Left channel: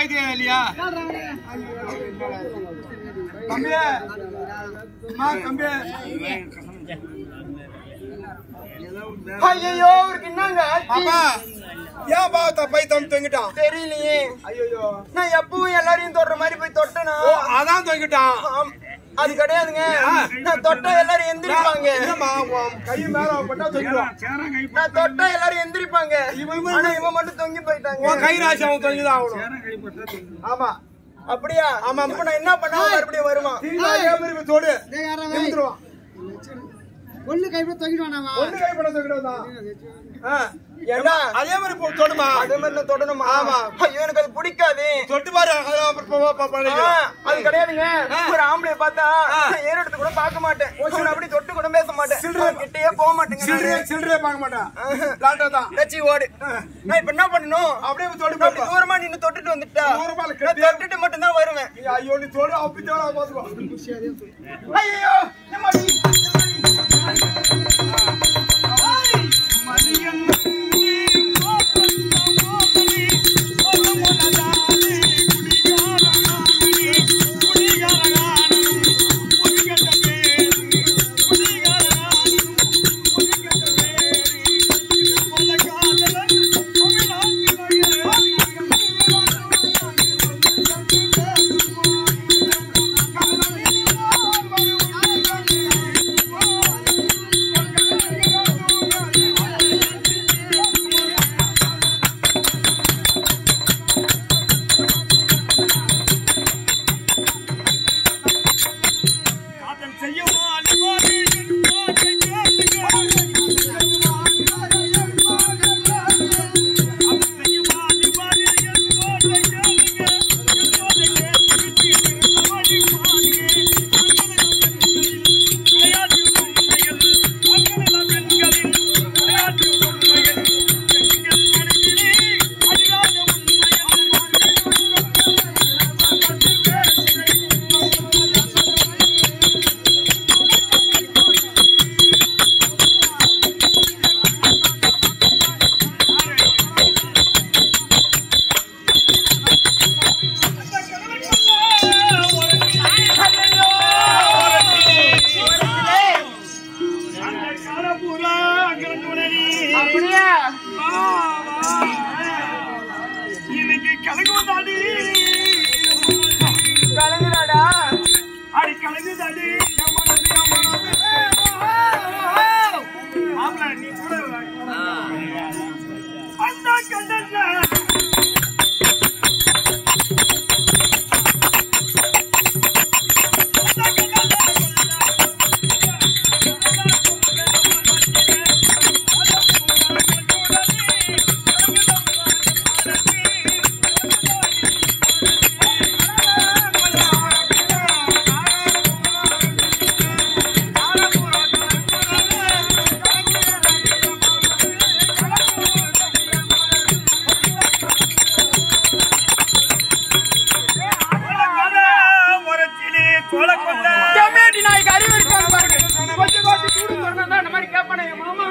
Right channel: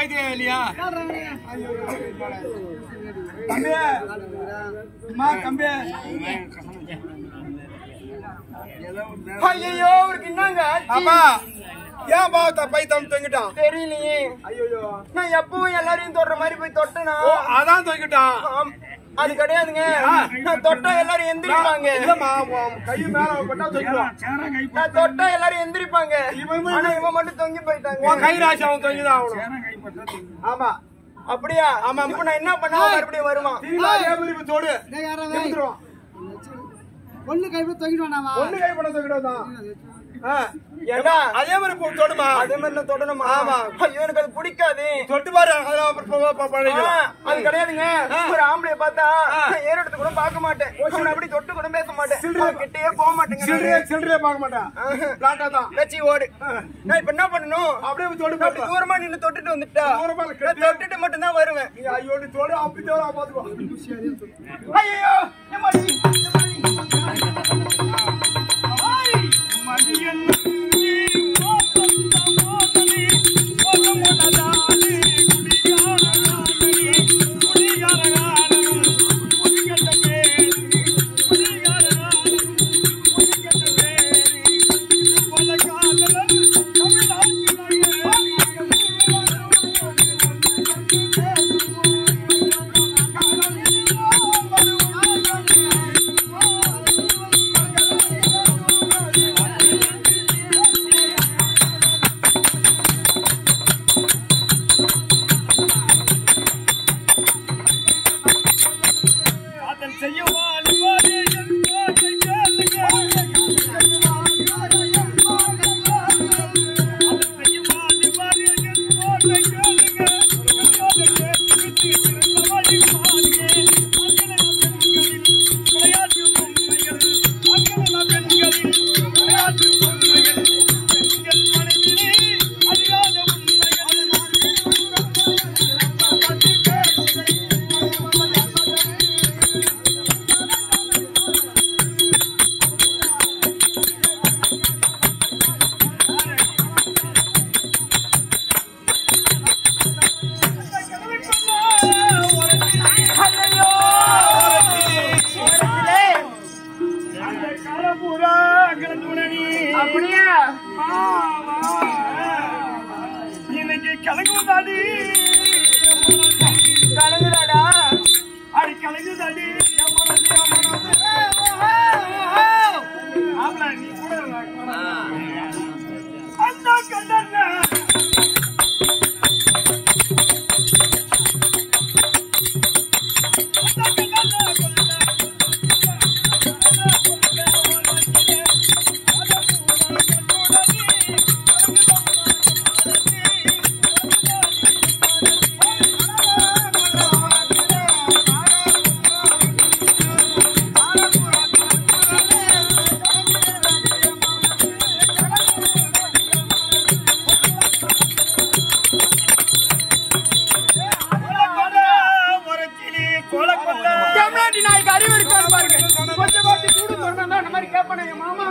வாய்தே இல்லையா தம்பி அம்மா தம்பி ஐயோ அவருக்கு என்னங்க பாப்பா ஏன் பாவத்தை பை தொங்கிட்டான் தெரியலையே. ஐயோ நான் எப்பவும் எல்லாரையும் தொடுற மாதிரி போய் தொட்டனா அதான் தொங்கிட்டான் அது கிடையாதுங்க. நான் தொட்டா எல்லாரும் எந்திரிப்பாங்க. கை மேல போட்டா தொங்கிடுவான். நான் தொட்டா எல்லாரும் எந்திரிப்பாங்க. ஆனா இவன் மட்டும் தொங்கி போயிட்டாங்க. கை ராசி அவன் தொங்கிதான் ஆகணும். ஆமா அப்படியா? ஆமா. இப்ப நான் என்ன பண்ணா மறுபடியும் வருவான்? தோடு ஒண்ணு கைப்பட தொங்கிடுவானா? ஒண்ணு கைப்பட தொங்கிடுவான். ஏண்டா அதே மாதிரி தொடுமா? அதே மாதிரி நான் தொடணுமா? ஐயோ எனக்கு அது பிடிக்காது. தொட்டு பாரு. அது கிடையாதுங்க. ஒரு ஆம்பளை பார்த்தா ஏறெடுத்து கூட பார்க்க மாட்டேன். அப்படி தொட்டு கூட பேச மாட்டேன். கிட்டே போக மாட்டேங்க. சில்லறையே பார்க்க மாட்டேன். லட்சி ஓடு. நான் இப்ப என்ன பண்ணணும்? அப்படியே தொடு. அப்படி தூரமா நின்னு தொட்டுட்டு வந்துட்டா தொட்டுட்டு மட்டும் தான் வருவேன். ஐயோ நீ தொடு அப்படி தேவை பாத்துக்கோ. ஐயோ கலங்குதாடா. அடி கலங்குதாடி நீ கூட அந்த கண்டன தமிழ்நாட்டு நாய்க்கு அறிவு இருக்கு. மாமா